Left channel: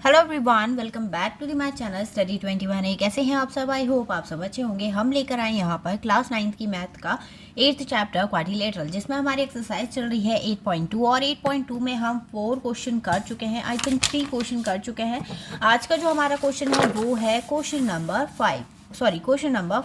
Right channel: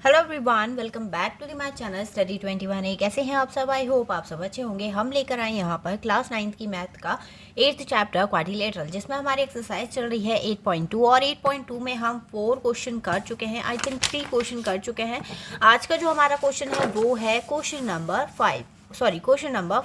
Hello everyone, welcome back to the my channel study 21। कैसे हैं आप सब? आई होप आप सब अच्छे होंगे। हम लेकर आए यहाँ पर क्लास 9th की मैथ का 8th चैप्टर क्वाड्रिलेटरल, जिसमें हमारी एक्सरसाइज चल रही है 8.2 और 8.2 में हम 4 क्वेश्चन कर चुके हैं। आई थिंक 3 क्वेश्चन कर चुके हैं। आज का जो हमारा क्वेश्चन है वो है क्वेश्चन नंबर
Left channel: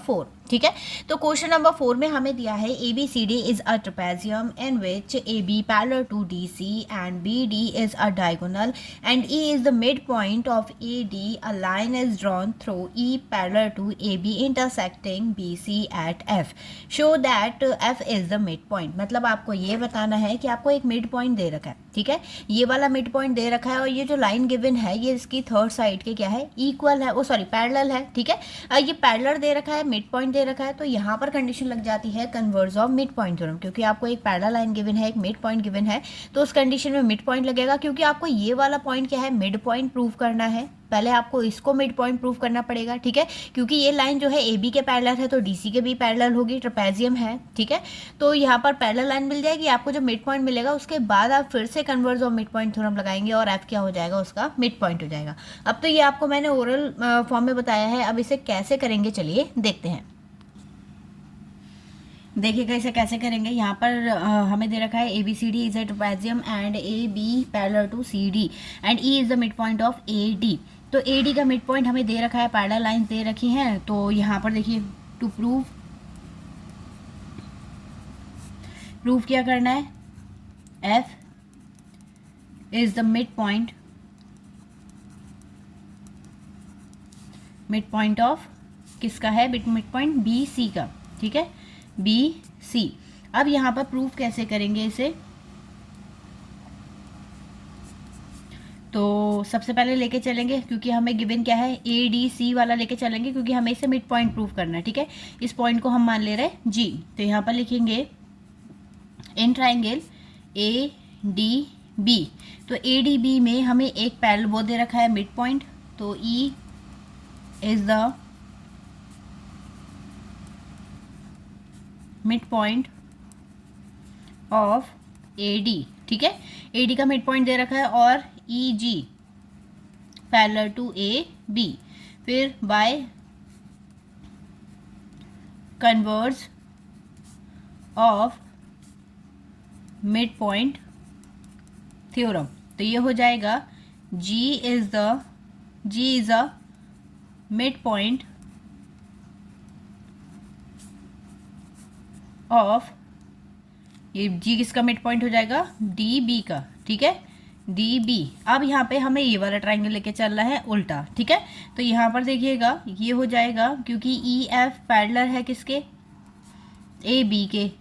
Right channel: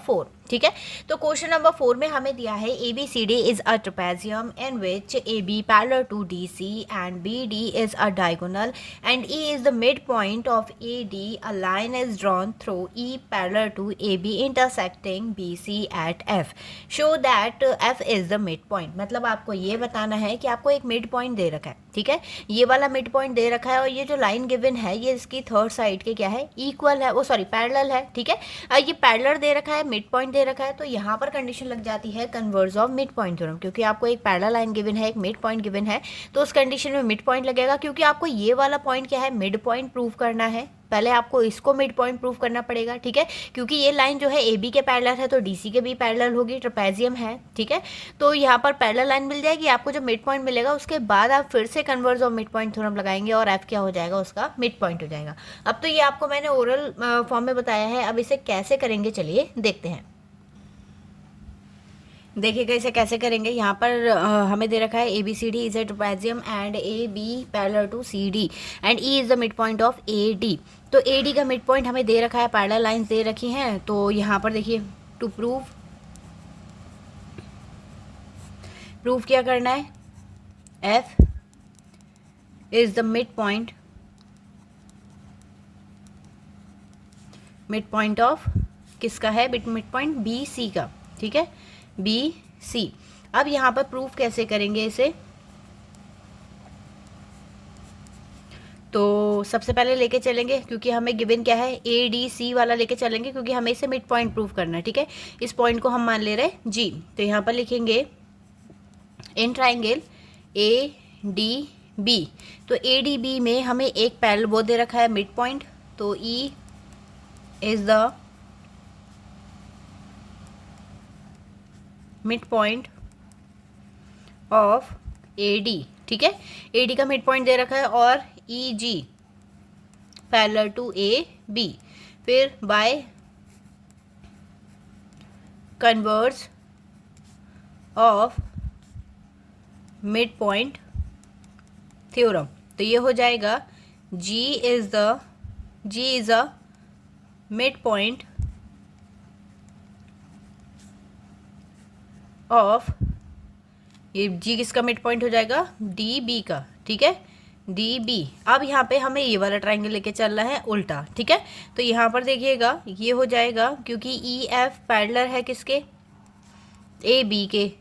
4। ठीक है, तो क्वेश्चन नंबर 4 में हमें दिया है ABCD is a trapezium in which AB parallel to DC and BD is a diagonal and E is the midpoint of AD. A line is drawn through E parallel to AB intersecting BC at F. Show that F is the midpoint. मतलब आपको ये बताना है कि आपको एक mid point दे रखा है। ठीक है, ये वाला मिड पॉइंट दे रखा है और ये जो लाइन गिवन है ये इसकी थर्ड साइड के क्या है, इक्वल है, पैरेलल है। ठीक है, ये पैरेलल दे रखा है, मिड पॉइंट दे रखा है, तो यहाँ पर कंडीशन लग जाती है converge of mid point theorem, क्योंकि आपको एक पैरेलल लाइन गिवन है, एक मिड पॉइंट गिवन है, तो उस कंडीशन में मिड पॉइंट लगेगा। क्योंकि आपको ये वाला पॉइंट क्या है, मिड पॉइंट प्रूव करना है। पहले आपको इसको मिड पॉइंट प्रूव करना पड़ेगा। ठीक है, क्योंकि ये लाइन जो है AB के पैरेलल है तो DC के भी पैरेलल होगी, ट्रेपेजियम है। ठीक है, तो यहाँ पर पैरेलल लाइन मिल जाएगी, आपको जो मिड पॉइंट मिलेगा उसके बाद आप फिर से converge of mid point theorem लगाएंगे और F क्या हो जाएगा, उसका मिड पॉइंट हो जाएगा। अब तो ये आपको मैंने ओरल फॉर्म में बताया है, अब इसे कैसे करेंगे चलिए देखते हैं। देखिएगा इसे कैसे करेंगे। यहाँ पर हमें दे रखा है ABCD is a trapezium and AB parallel to CD and E is the mid point of AD। तो AD का मिड पॉइंट हमें दे रखा है, पैरेलल लाइंस दे रखी हैं। तो यहाँ पर देखिए, टू प्रूव क्या करना है, F is the mid point of किसका है, मिड पॉइंट BC का। ठीक है, BC। अब यहाँ पर प्रूफ कैसे करेंगे इसे, तो सबसे पहले लेके चलेंगे, क्योंकि हमें गिवन क्या है, ADC वाला लेके चलेंगे, क्योंकि हमें इसे मिड पॉइंट प्रूफ करना है। ठीक है, इस पॉइंट को हम मान ले रहे हैं G। तो यहाँ पर लिखेंगे इन ट्राइंगल ADB। तो ADB में हमें एक पैरेलल वो दे रखा है मिड पॉइंट, तो E is the mid point of AD। ठीक है, AD का मिड पॉइंट दे रखा है और EG पैरेलल टू AB, फिर by converse of mid point theorem. तो ये हो जाएगा G is a mid point of, ये G किसका मिड पॉइंट हो जाएगा, DB का। ठीक है, DB। अब यहाँ पे हमें ये वाला ट्राइंगल लेके चलना है उल्टा। ठीक है, तो यहाँ पर देखिएगा ये हो जाएगा, क्योंकि EF पैरेलल है किसके, AB के,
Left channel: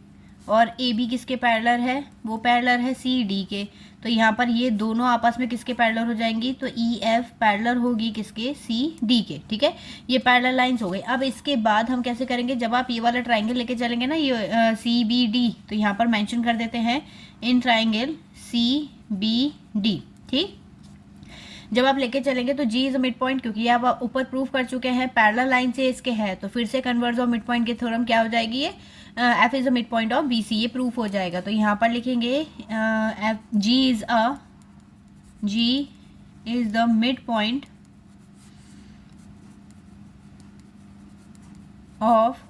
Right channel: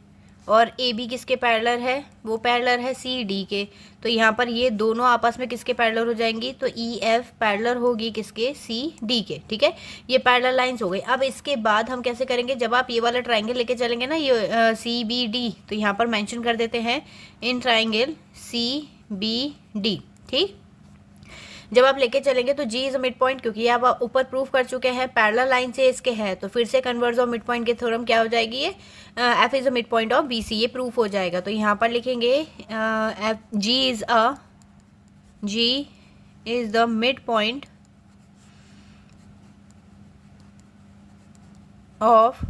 और AB किसके पैरेलल है, वो पैरेलल है CD के। तो यहाँ पर ये दोनों आपस में किसके पैरेलल हो जाएंगी, तो EF पैरेलल होगी किसके, CD के। ठीक है, ये पैरेलल लाइंस हो गई। अब इसके बाद हम कैसे करेंगे, जब आप ये वाला ट्राइंगल लेके चलेंगे ना, ये CBD, तो यहाँ पर मेंशन कर देते हैं इन ट्राइंगल CBD। ठीक, जब आप लेके चलेंगे तो G is a mid point, क्योंकि आप ऊपर प्रूफ कर चुके हैं पैरेलल लाइन से इसके है, तो फिर से कन्वर्ज ऑफ मिड पॉइंट की थ्योरम क्या हो जाएगी, ये F is a mid point of BC, ये प्रूफ हो जाएगा। तो यहाँ पर लिखेंगे G is the mid point of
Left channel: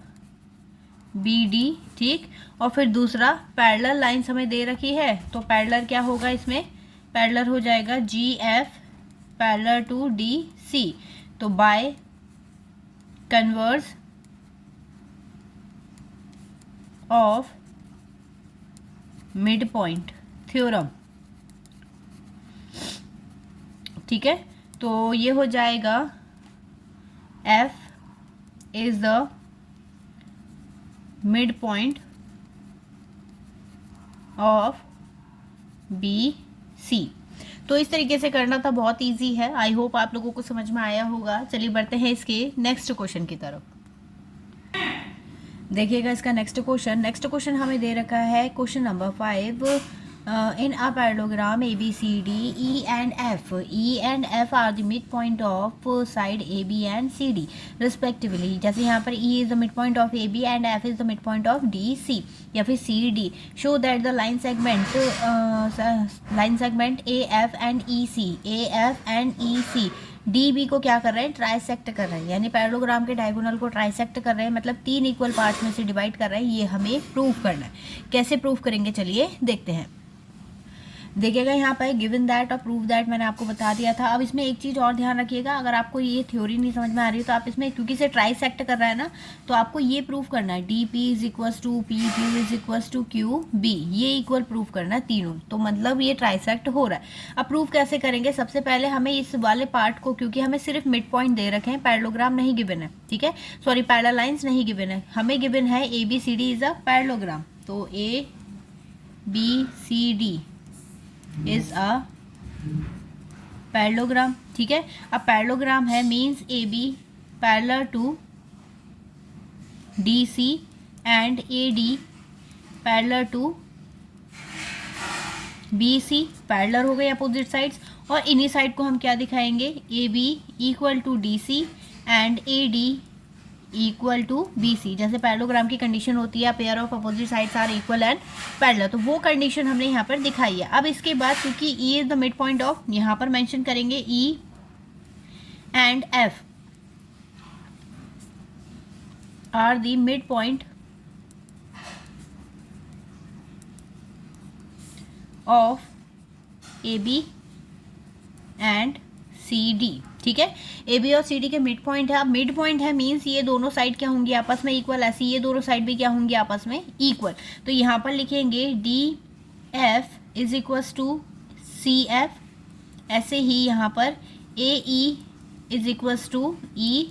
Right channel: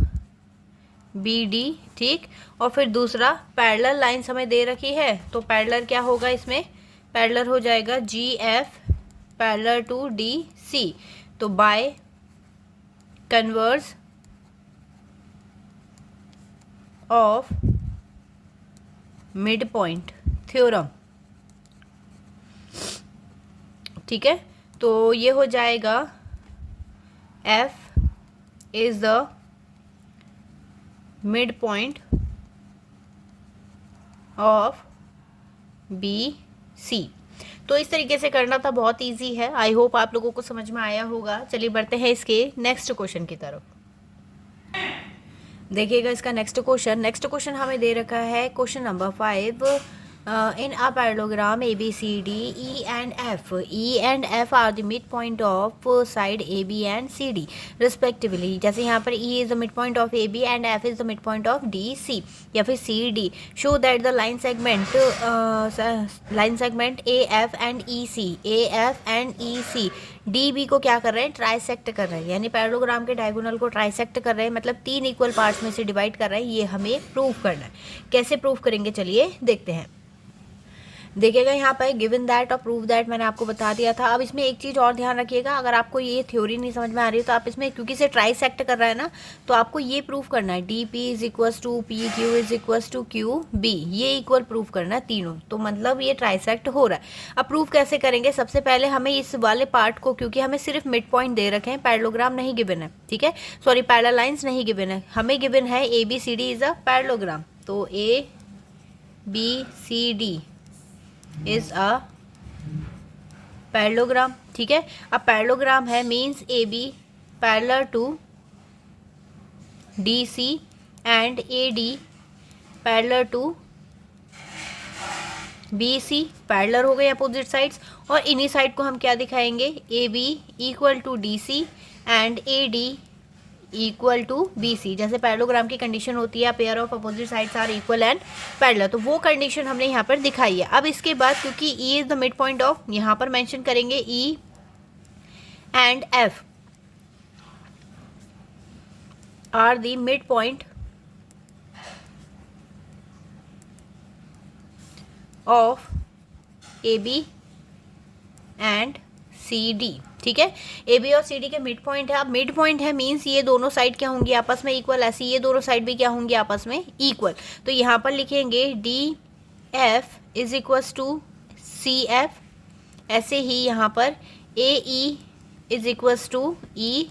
BD। ठीक, और फिर दूसरा पैरेलल लाइंस हमें दे रखी है, तो पैरेलल क्या होगा, इसमें पैरेलल हो जाएगा GF पैरेलल टू DC। तो by converse of mid point theorem. ठीक है, तो ये हो जाएगा F is the mid point of BC। तो इस तरीके से करना था, बहुत इजी है। आई होप आप लोगों को समझ में आया होगा। चलिए बढ़ते हैं इसके नेक्स्ट क्वेश्चन की तरफ। देखिएगा इसका नेक्स्ट क्वेश्चन हमें दे रखा है question number 5। in a parallelogram ABCD, E and F are the midpoint of side AB and CD respectively. जैसे यहाँ पर E is the midpoint of AB and F is the midpoint of DC या फिर CD. Show that the line segment AF and EC DB को क्या कर रहे हैं, ट्राइसेक्ट कर रहे हैं, यानी पैरेललोग्राम के डायगोनल को ट्राइसेक्ट कर रहे हैं, मतलब 3 इक्वल पार्ट्स में से डिवाइड कर रहे हैं. ये हमें प्रूव करना है. कैसे प्रूव करेंगे, चलिए देखते हैं. देखिएगा यहाँ पर गिवन दैट और प्रूव दैट मैंने आपको बता दिया था. अब इसमें एक चीज़ और ध्यान रखिएगा, अगर आपको ये थ्योरी नहीं समझ में आ रही है तो आप इसमें, क्योंकि इसे ट्राइसेक्ट कर रहा है ना, तो आपको ये प्रूव करना है D P is equals to P Q is equals to Q B, ये इक्वल प्रूव करना है तीनों. तो मतलब ये ट्राइसेक्ट हो रहा है. अब प्रूव कैसे करेंगे, सबसे पहले हमें इस वाले पार्ट को, क्योंकि हमें सिर्फ मिड पॉइंट दे रखे हैं, पैरेललोग्राम नहीं गिवन है, ठीक है, सॉरी पैरेलल लाइन्स नहीं गिवन है, हमें गिवन है A B C D is a parallelogram. तो A B C D is a parallelogram, ठीक है. अब पैरेललोग्राम है means A B parallel to D C and A D parallel to B C, parallel हो गए opposite sides. और इन्हीं side को हम क्या दिखाएंगे, A B equal to D C and A D equal to B C. जैसे parallelogram की कंडीशन होती है pair of opposite sides are equal and parallel, तो वो कंडीशन हमने यहाँ पर दिखाई है. अब इसके बाद क्योंकि E is the mid point of, यहाँ पर मेंशन करेंगे E and F are the mid point of A B and C D, ठीक है. ए बी और सी डी के मिड पॉइंट है. अब मिड पॉइंट है मीन्स ये दोनों साइड क्या होंगी आपस में इक्वल, ऐसे ये दोनों साइड भी क्या होंगी आपस में इक्वल. तो यहाँ पर लिखेंगे D F is equals to C F, ऐसे ही यहाँ पर A E is equals to E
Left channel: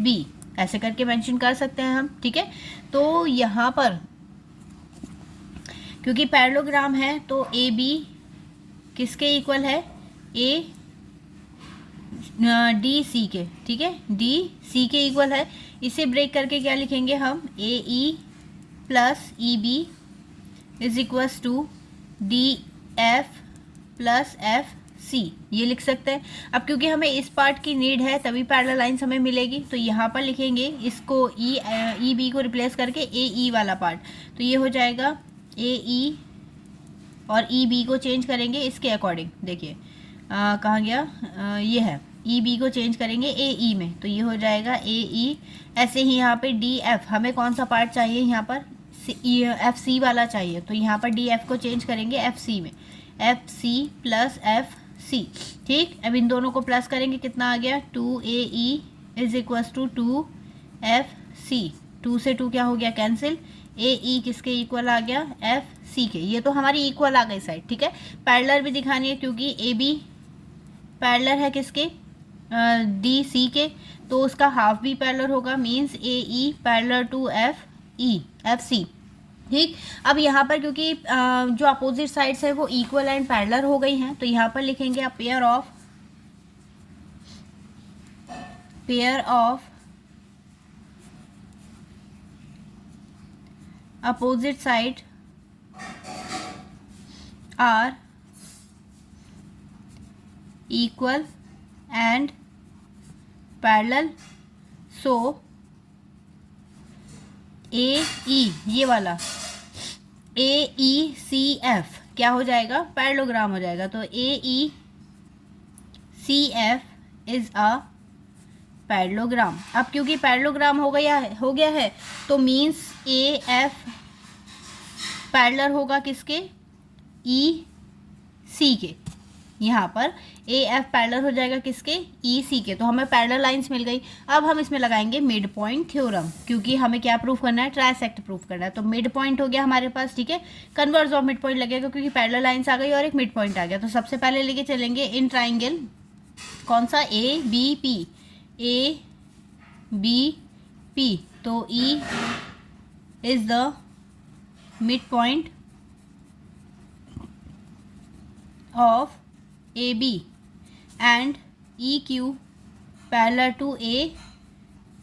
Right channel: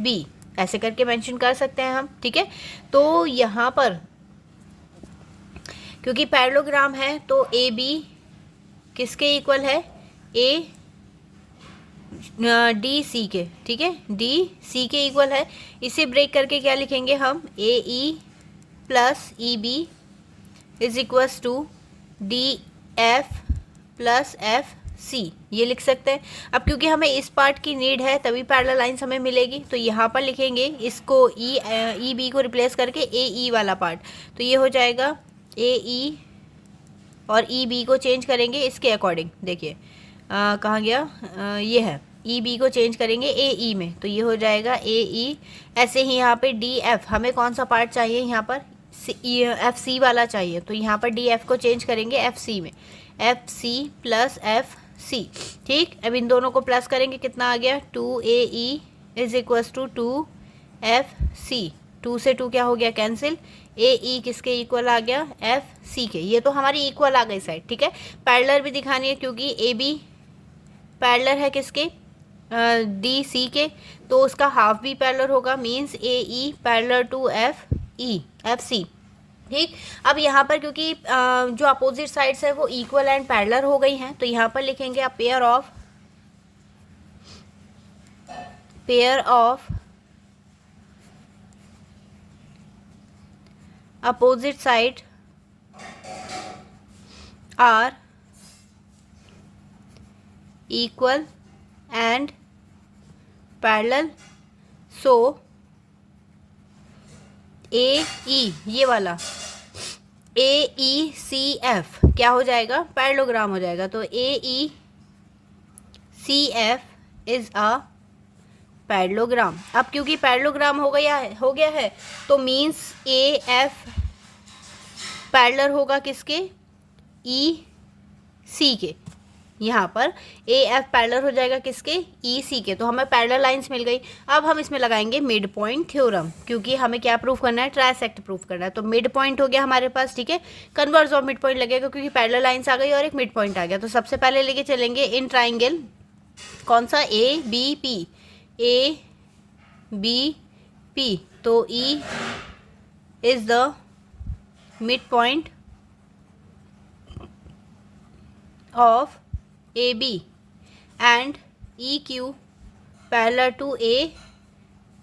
B, ऐसे करके मेंशन कर सकते हैं हम, ठीक है. तो यहाँ पर क्योंकि पैरेललोग्राम है तो ए बी किसके इक्वल है, ए डी सी के, ठीक है, डी सी के इक्वल है. इसे ब्रेक करके क्या लिखेंगे हम, A E plus E B is equals to D F plus F C, ये लिख सकते हैं. अब क्योंकि हमें इस पार्ट की नीड है तभी पैरेलल लाइंस हमें मिलेगी, तो यहाँ पर लिखेंगे इसको ई बी को रिप्लेस करके ए ई वाला पार्ट, तो ये हो जाएगा ए ई और ई बी को चेंज करेंगे इसके अकॉर्डिंग. देखिए कहाँ गया, ये है ई बी को चेंज करेंगे ए ई में, तो ये हो जाएगा ए ई. ऐसे ही यहाँ पे डी एफ, हमें कौन सा पार्ट चाहिए यहाँ पर, एफ सी वाला चाहिए, तो यहाँ पर डी एफ को चेंज करेंगे एफ सी में, F C plus F C, ठीक. अब इन दोनों को प्लस करेंगे, कितना आ गया, two A E is equals to two F C, two से टू क्या हो गया कैंसिल, ए ई किसके इक्वल आ गया, एफ सी के. ये तो हमारी इक्वल आ गई साइड, ठीक है. पैरेलल भी दिखानी है क्योंकि ए बी पैरेलल है किसके, डी सी के, तो उसका हाफ भी पैरेलल होगा, means A E parallel to F E F C, ठीक. अब यहाँ पर क्योंकि जो अपोजिट साइड्स है वो इक्वल एंड पैरेलल हो गई हैं, तो यहाँ पर लिखेंगे आप pair of opposite side are equal and parallel, so ए ई, ये वाला ए ई सी एफ क्या हो जाएगा, पैरेललोग्राम हो जाएगा. तो A E C F is a parallelogram. अब क्योंकि पैरेललोग्राम हो गया है तो मीन्स ए एफ पैरेलल होगा किसके, ई सी के. यहाँ पर ए एफ पैरेलल हो जाएगा किसके, ई सी के. तो हमें पैरेलल लाइंस मिल गई. अब हम इसमें लगाएंगे मिड पॉइंट थ्योरम, क्योंकि हमें क्या प्रूफ करना है, ट्राइसेक्ट प्रूफ करना है. तो मिड पॉइंट हो गया हमारे पास, ठीक है. कन्वर्स ऑफ मिड पॉइंट लगेगा क्योंकि पैरेलल लाइंस आ गई और एक मिड पॉइंट आ गया. तो सबसे पहले लेके चलेंगे इन ट्राइंगल, कौन सा, A B P, A B P. तो E is the mid point of A B and E Q parallel to A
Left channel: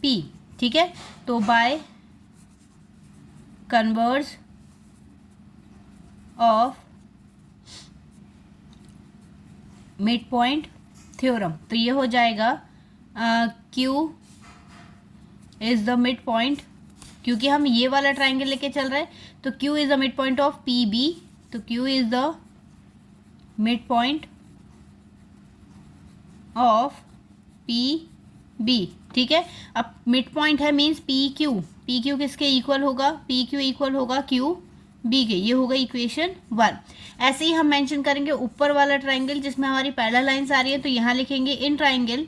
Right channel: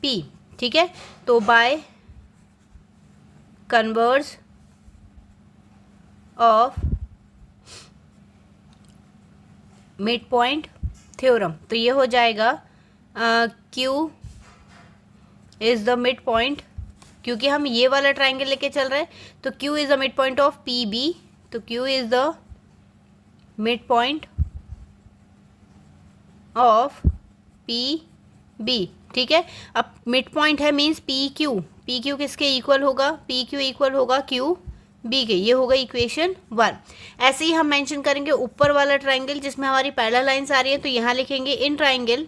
P, ठीक है. तो by converse of mid point theorem. तो ये हो जाएगा Q is the mid point, क्योंकि हम ये वाला ट्राइंगल लेके चल रहे हैं तो Q is the mid point of P B. तो Q is the mid point of P B. ठीक है, अब मिड पॉइंट है मीन्स पी क्यू किसके इक्वल होगा, पी क्यू इक्वल होगा क्यू बी के। ये होगा इक्वेशन 1। ऐसे ही हम मेंशन करेंगे ऊपर वाला ट्राइंगल जिसमें हमारी पैरेलल लाइंस आ रही है, तो यहाँ लिखेंगे in triangle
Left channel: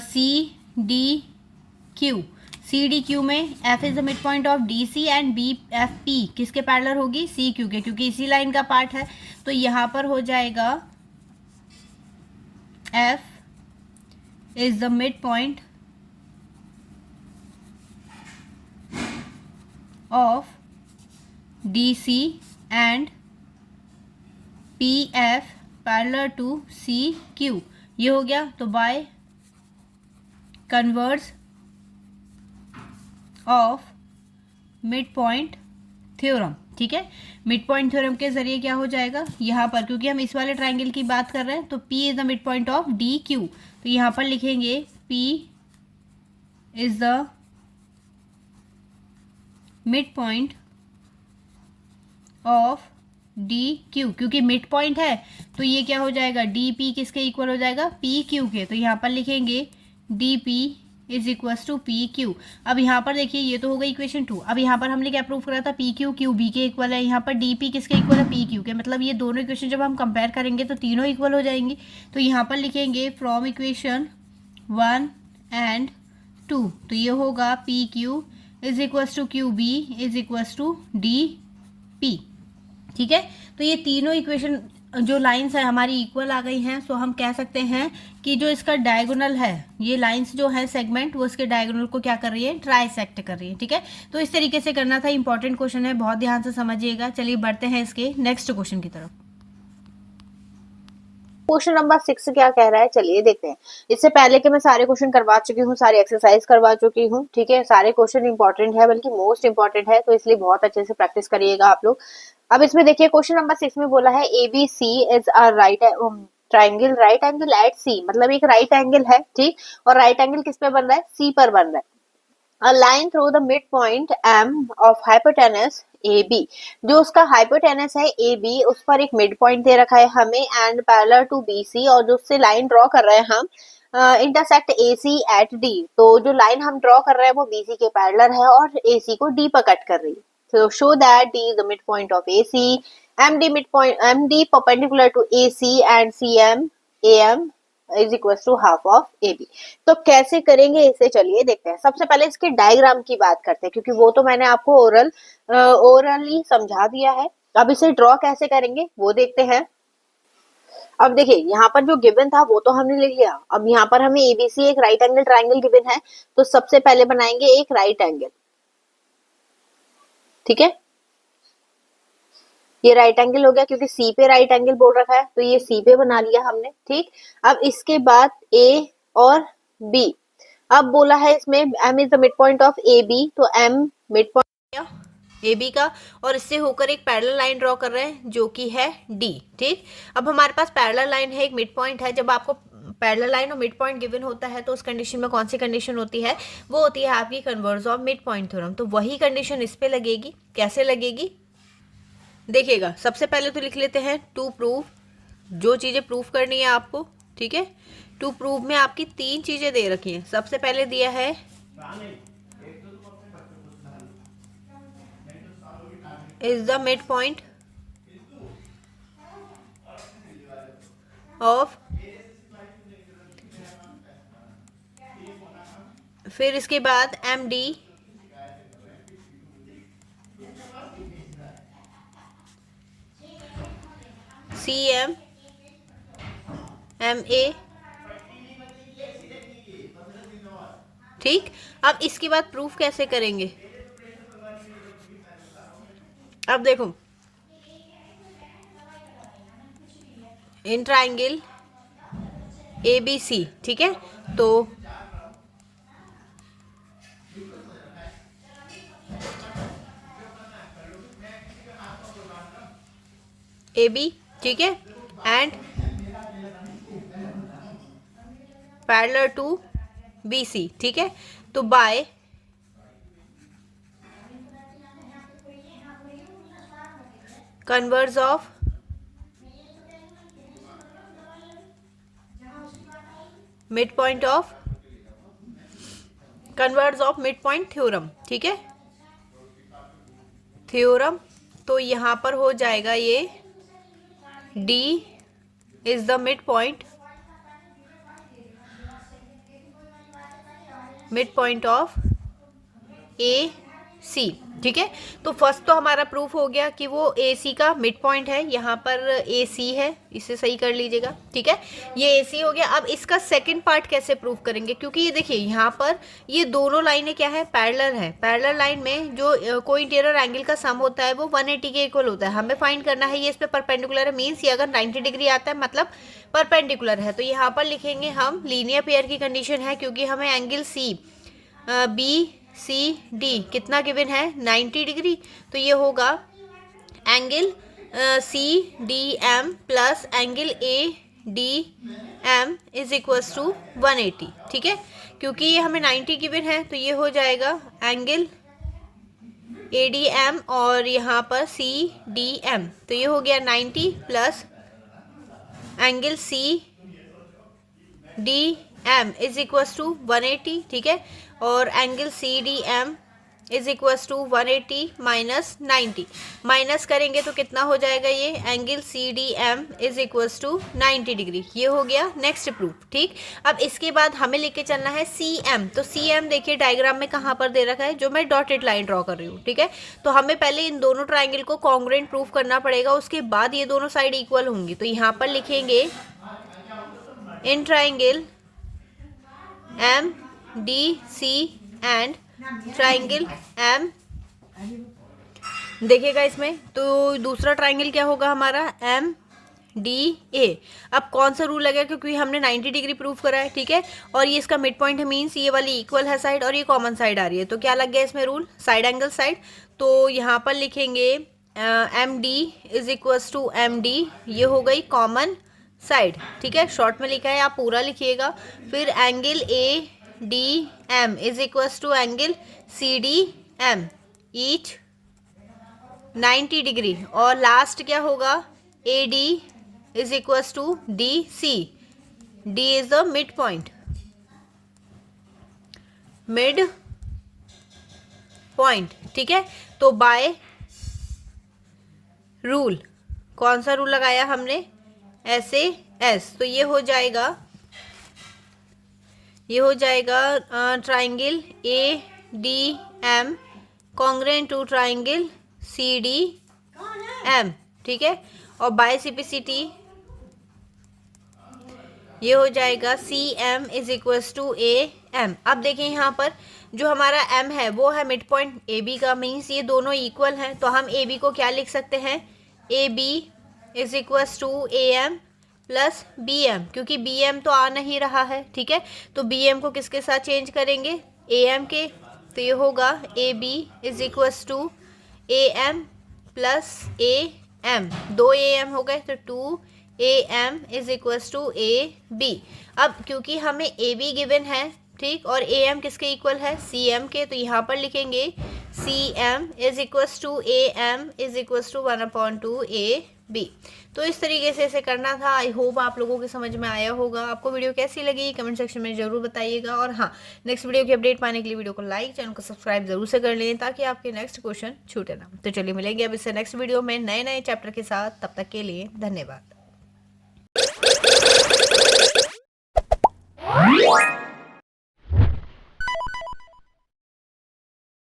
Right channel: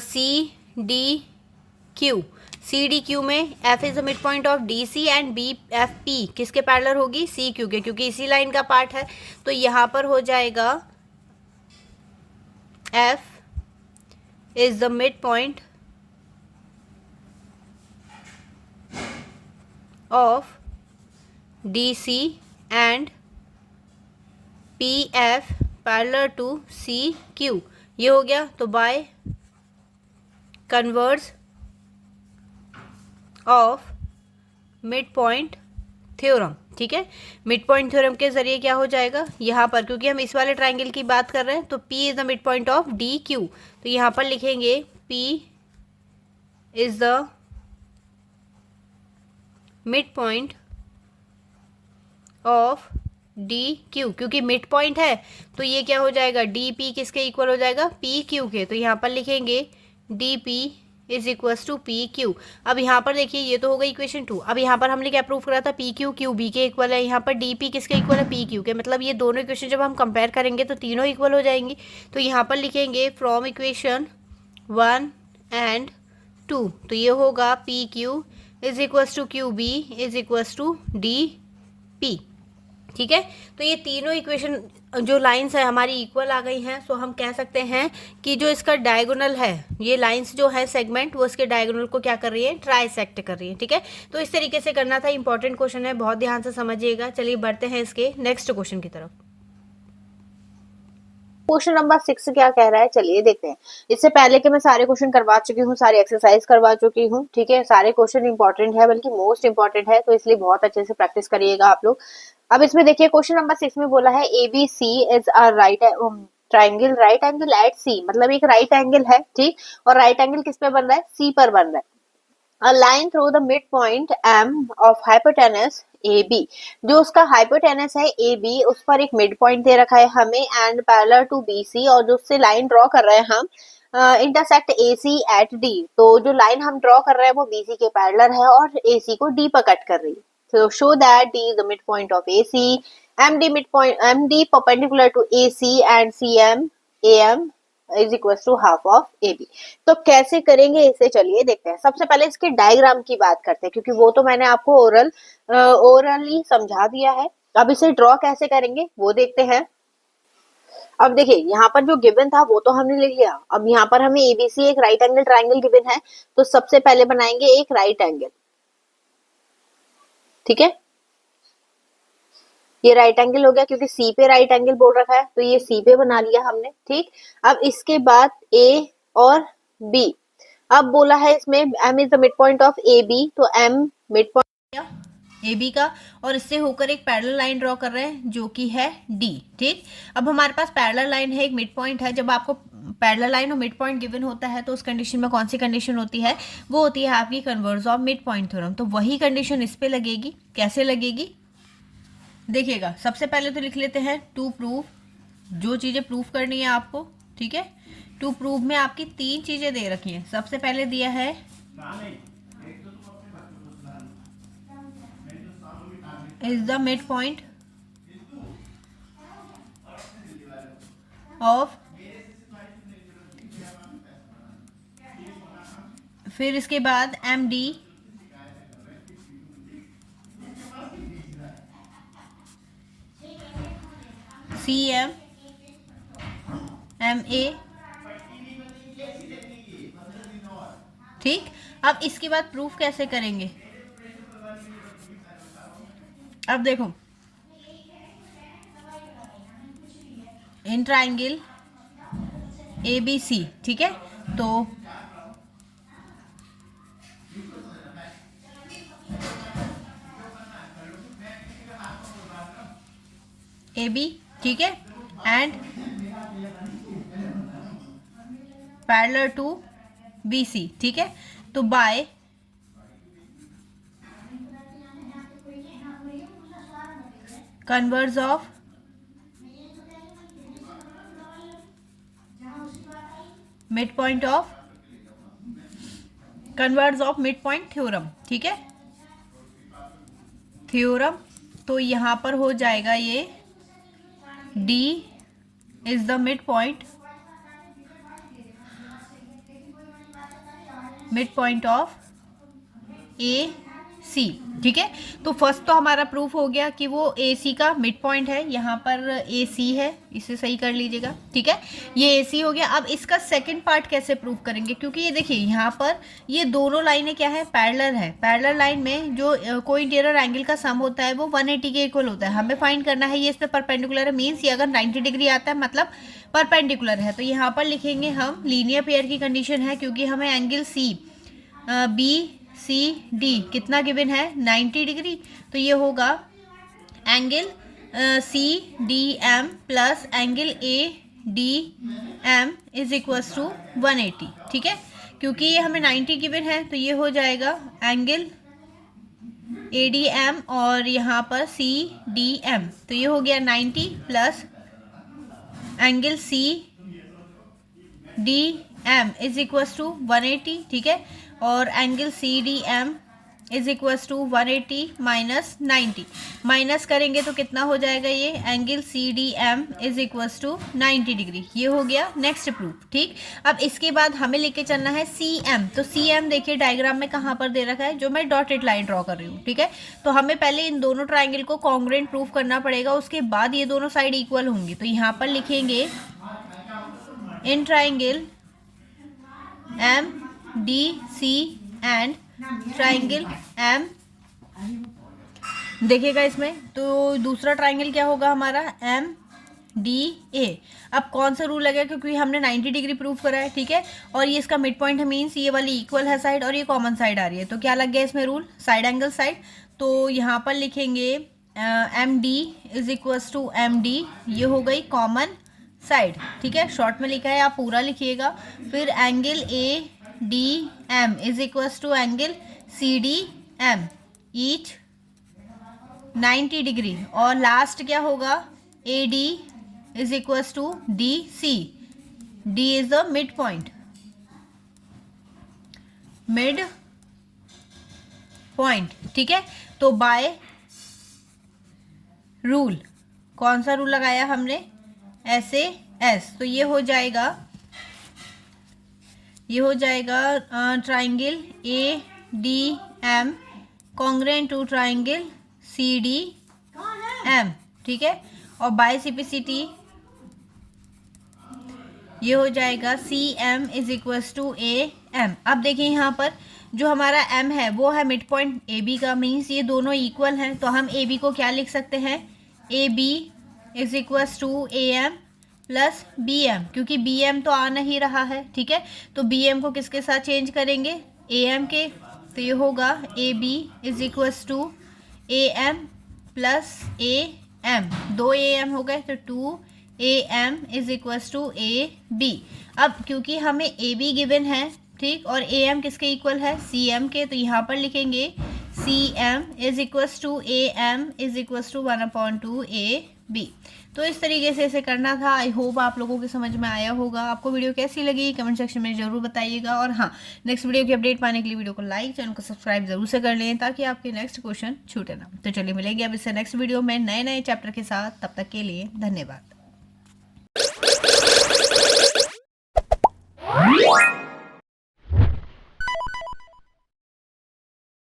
C D Q. C D Q में F is the mid point of D C and B F P किसके पैरेलल होगी, सी क्यू के, क्योंकि इसी लाइन का पार्ट है। तो यहाँ पर हो जाएगा F is the midpoint of DC and PF parallel to CQ। ये हो गया। तो by converse of mid point theorem. ठीक है, मिड पॉइंट थ्योरम के जरिए क्या हो जाएगा यहाँ पर, क्योंकि हम इस वाले ट्राइंगल की बात कर रहे हैं, तो P is the mid point of D Q. तो यहाँ पर लिखेंगे P is the mid point of D Q, क्योंकि मिड पॉइंट है तो ये क्या हो जाएगा, डी पी किसके इक्वल हो जाएगा, पी क्यू के। तो यहाँ पर लिखेंगे D P is equal to P Q. अब यहाँ पर देखिए ये तो होगा इक्वेशन 2। अब यहाँ पर हमने क्या प्रूव करा था, पी क्यू क्यू बी के इक्वल है, यहाँ पर डी पी किसके इक्वल है, पी क्यू के। मतलब ये दोनों इक्वेशन जब हम कंपेयर करेंगे तो तीनों इक्वल हो जाएंगी। तो यहाँ पर लिखेंगे फ्रॉम इक्वेशन 1 एंड 2। तो ये होगा P Q is equal to Q B is equal to D P. ठीक है, तो ये तीनों इक्वेशन जो लाइंस है हमारी इक्वल आ गई हैं। सो हम कह सकते हैं कि जो इसका डायगोनल है, ये लाइंस जो है सेगमेंट, वो इसके डायगोनल को क्या कर रही है, ट्राइसेक्ट कर रही है। ठीक है, तो इस तरीके से करना था। इंपॉर्टेंट क्वेश्चन है, बहुत ध्यान से समझिएगा। चलिए बढ़ते हैं इसके नेक्स्ट क्वेश्चन की तरफ। क्वेश्चन नंबर 6 क्या कह रहा है, चलिए देखते हैं। इससे पहले कि मैं सारे क्वेश्चन करवा चुकी हूँ, सारी एक्सरसाइज करवा चुकी हूँ। ठीक है, सारे क्वेश्चन इंपॉर्टेंट है, बल्कि मोस्ट इंपॉर्टेंट है, तो इसलिए बहुत अच्छे से प्रैक्टिस करिएगा आप लोग। अब इसमें देखिए क्वेश्चन नंबर 6 में बोला है A B C is a triangle right angle at C. मतलब एक राइट एंगल है, ठीक, और राइट एंगल किस पे बन रहा है, सी पर बन रहा है। A line through the midpoint M of hypotenuse AB। जो उसका हाइपोटेनस है AB, उस पर एक मिड पॉइंट दे रखा है हमें, एंड पैरेलल टू BC, और जो उससे लाइन ड्रॉ कर रहे हैं हम इंटरसेक्ट AC एट D। तो जो लाइन हम ड्रॉ कर रहे हैं वो BC के पैरेलल है और AC को D पर कट कर रही है। So show that D is the midpoint of AC, MD perpendicular to AC and CM AM is equal to half of A B. तो कैसे करेंगे इसे, चलिए देखते हैं। सबसे पहले इसके डायग्राम की बात करते हैं, क्योंकि वो तो मैंने आपको ओरली समझा दिया है। अब इसे ड्रॉ कैसे करेंगे वो देखते हैं। अब देखिए यहाँ पर जो गिवन था वो तो हमने लिख लिया। अब यहाँ पर हमें एबीसी एक राइट एंगल ट्राइंगल गिवन है, तो सबसे पहले बनाएंगे एक राइट एंगल। ठीक है, ये राइट एंगल हो गया, क्योंकि सी पे राइट एंगल बोल रखा है, तो ये सी पे बना लिया हमने। ठीक, अब इसके बाद ए और बी। अब बोला है इसमें M is the mid point of A B, तो M mid point A B का, और इससे होकर एक पैरेलल लाइन ड्रॉ कर रहे हैं जो कि है डी। ठीक, अब हमारे पास पैरेलल लाइन है, एक मिड पॉइंट है। जब आपको पैरेलल लाइन और मिड पॉइंट गिवन होता है तो उस कंडीशन में कौन सी कंडीशन होती है, वो होती है आपकी converse of mid point theorem. तो वही कंडीशन इस पे लगेगी। कैसे लगेगी देखिएगा। सबसे पहले तो लिख लेते हैं टू प्रूव, जो चीजें प्रूफ करनी है आपको। ठीक है, टू प्रूव में आपकी 3 चीजें दे रखी हैं। सबसे पहले दिया है is the mid point of, फिर इसके बाद M D C M M A. ठीक, अब इसके बाद प्रूफ कैसे करेंगे। अब देखो, इन ट्राइंगल ए बी सी, ठीक है, तो ए बी, ठीक है, एंड पैरेलल टू BC, ठीक है। तो by converse of mid point of mid point theorem, ठीक है, थ्योरम। तो यहाँ पर हो जाएगा ये D is the mid point of AC, ठीक है। तो फर्स्ट तो हमारा प्रूफ हो गया कि वो AC का मिड पॉइंट है, यहाँ पर AC है, इसे सही कर लीजिएगा, ठीक है। ये AC हो गया। अब इसका सेकंड पार्ट कैसे प्रूफ करेंगे, क्योंकि ये देखिए यहाँ पर ये दोनों लाइनें क्या है, पैरेलल है। पैरेलल लाइन में जो कोई इंटीरियर एंगल का सम होता है वो 180 के इक्वल होता है। हमें फाइंड करना है ये इस पर परपेंडिकुलर है, मीन्स ये अगर 90 डिग्री आता है मतलब परपेंडिकुलर है। तो यहाँ पर लिखेंगे हम लीनियर पेयर की कंडीशन है, क्योंकि हमें एंगल BCD कितना गिवन है, 90 डिग्री। तो ये होगा angle CDM plus angle ADM is equals to 180, ठीक है। क्योंकि ये हमें 90 गिवन है तो ये हो जाएगा एंगल ADM और यहाँ पर CDM। तो ये हो गया 90 plus angle CDM is equals to 180, ठीक है। और angle CDM is equals to 180 minus 90, minus करेंगे तो कितना हो जाएगा, ये angle CDM is equals to 90 degree. ये हो गया नेक्स्ट प्रूफ, ठीक। अब इसके बाद हमें लेके चलना है CM। तो CM देखिए डायग्राम में कहाँ पर दे रखा है, जो मैं डॉटेड लाइन ड्रॉ कर रही हूँ, ठीक है। तो हमें पहले इन दोनों ट्राइंगल को कॉन्ग्रुएंट प्रूफ करना पड़ेगा, उसके बाद ये दोनों साइड इक्वल होंगी। तो यहाँ पर लिखेंगे in triangle MDC and triangle M, देखिएगा इसमें। तो दूसरा ट्राइंगल क्या होगा हमारा, MDA। अब कौन सा रूल लगेगा, क्योंकि हमने 90 डिग्री प्रूफ करा है, ठीक है। और ये इसका मिड पॉइंट है, मीन्स ये वाली इक्वल है साइड और ये कॉमन साइड आ रही है। तो क्या लग गया इसमें रूल, साइड एंगल साइड। तो यहाँ पर लिखेंगे MD is equals to MD, ये हो गई कॉमन साइड, ठीक है। शॉर्ट में लिखा है, आप पूरा लिखिएगा। फिर angle ADM is equals to angle CDM each 90 degree. और लास्ट क्या होगा, AD is equals to DC, D is the mid point, ठीक है। तो बाय रूल, कौन सा रूल लगाया हमने, SAS। तो ये हो जाएगा triangle ADM congruent to triangle CDM, ठीक है। और बाय CPCT ये हो जाएगा CM is equals to AM। अब देखिए यहाँ पर जो हमारा M है वो है मिड पॉइंट AB का, मीन्स ये दोनों इक्वल हैं। तो हम AB को क्या लिख सकते हैं, AB is equals to AM plus BM, क्योंकि BM तो आ नहीं रहा है, ठीक है। तो BM को किसके साथ चेंज करेंगे, AM के। तो ये होगा AB is equals to AM plus AM, 2 AM हो गए, तो 2 AM is equals to AB। अब क्योंकि हमें AB गिवन है, ठीक, और AM किसके इक्वल है, CM के। तो यहाँ पर लिखेंगे CM is equals to AM is equals to 1/2 AB। तो इस तरीके से इसे करना था। आई होप आप लोगों के समझ में आया होगा। आपको वीडियो कैसी लगी कमेंट सेक्शन में ज़रूर बताइएगा। और हाँ, नेक्स्ट वीडियो की अपडेट पाने के लिए वीडियो को लाइक, चैनल को सब्सक्राइब जरूर से कर लें, ताकि आपके नेक्स्ट क्वेश्चन छूटे ना। तो चलिए मिलेंगे अब इससे नेक्स्ट वीडियो में नए चैप्टर के साथ। तब तक के लिए धन्यवाद।